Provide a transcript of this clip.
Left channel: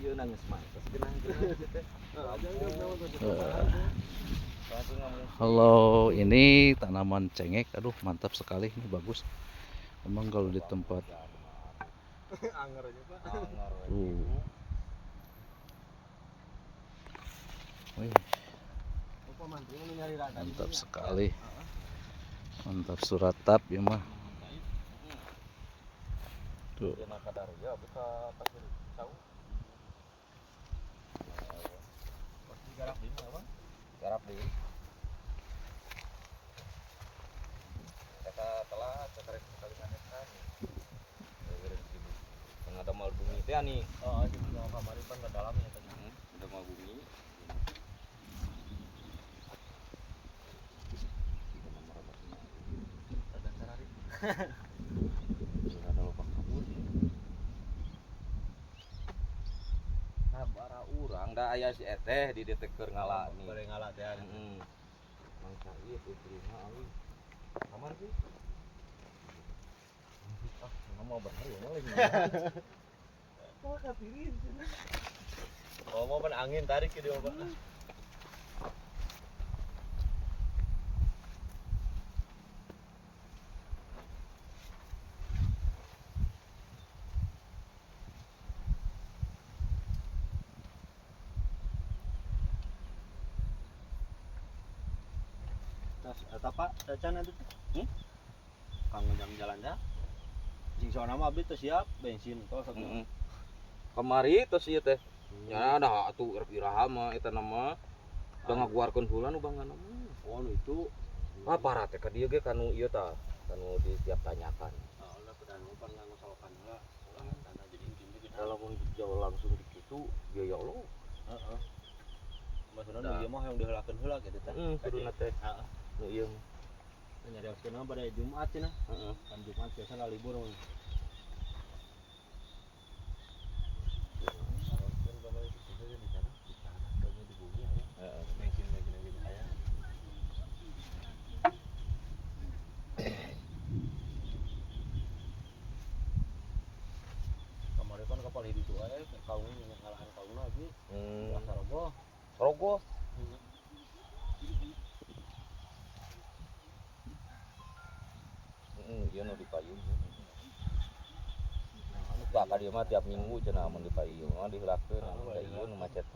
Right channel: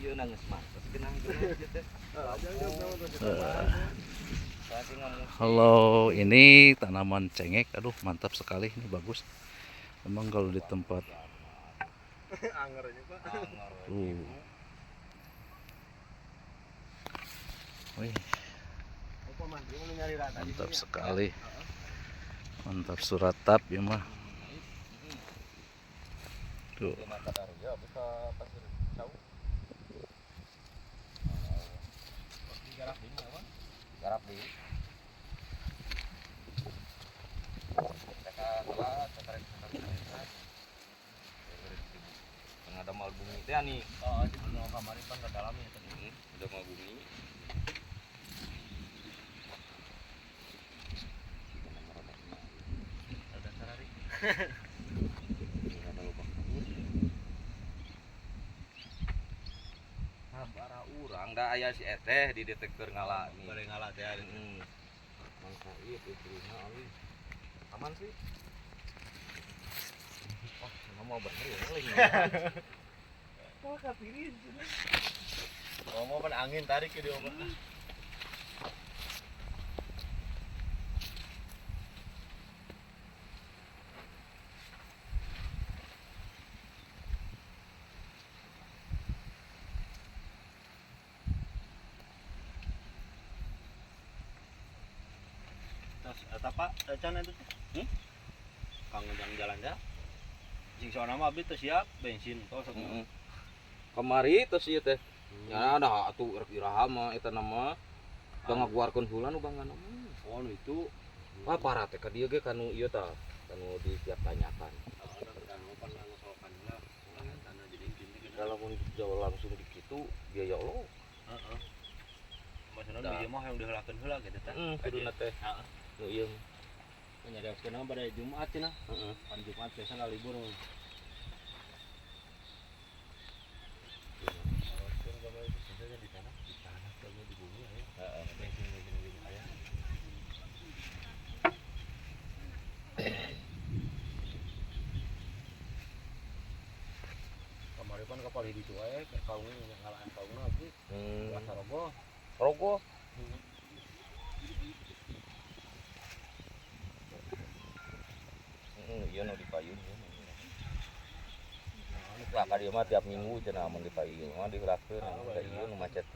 Iya nangis mah. Segenang gitu. Halo, ini tanaman cengek. Aduh, mantap sekali. Ini bagus. Memang kalau di tempat Wih, mantap sekali. Mantap suratap ya mah. Tuh. Garap di. Ada mal bumi teh nih. Oh, di kamar itu enggak dalam ya. Udah mal bumi. Ada sarari. Ada lubang kabur. Sabara urang da aya si eteh di deteker ngala nih. Boleh ngala teh. Mangsa ieu istrina alus. Aman sih. Wah, ngomong bener ya ngeling. Kok kapirin sini. Ngomong kan angin tarik ke dia obat. Eta Pak, can itu teh. Kang jalan-jalan ya. Sing soalna mah abdi teh siap bensin tos atuh. Kamari tos ieu teh. Ya ada atuh iraha mah eta nama bangaguarkeun heula nu bangana mah. Oh nu itu. Ah parah teh ka dieu ge kanu ieu tah, kanu di tiap tanyatan. Oh udah pedang pan ngosolokan heula. Ulah tanah jadi intin teh. Kalau jauh langsung di kitu biaya Allah. Heeh. Maksudna nu ieu mah yang diheulakeun heula gitu teh. Kuduna teh. Heeh. Nu ieu nyarioskeun pada Jumat cenah. Heeh. Pan Jumat biasa libur. Kamari kan kapal hidup wae kaung ngalahan kaungna abdi. Rasa roboh. Roboh. Iya nu dipayung. Ya ka dieu mah tiap minggu cenah mun dipayung, diheulakeun, nu macet.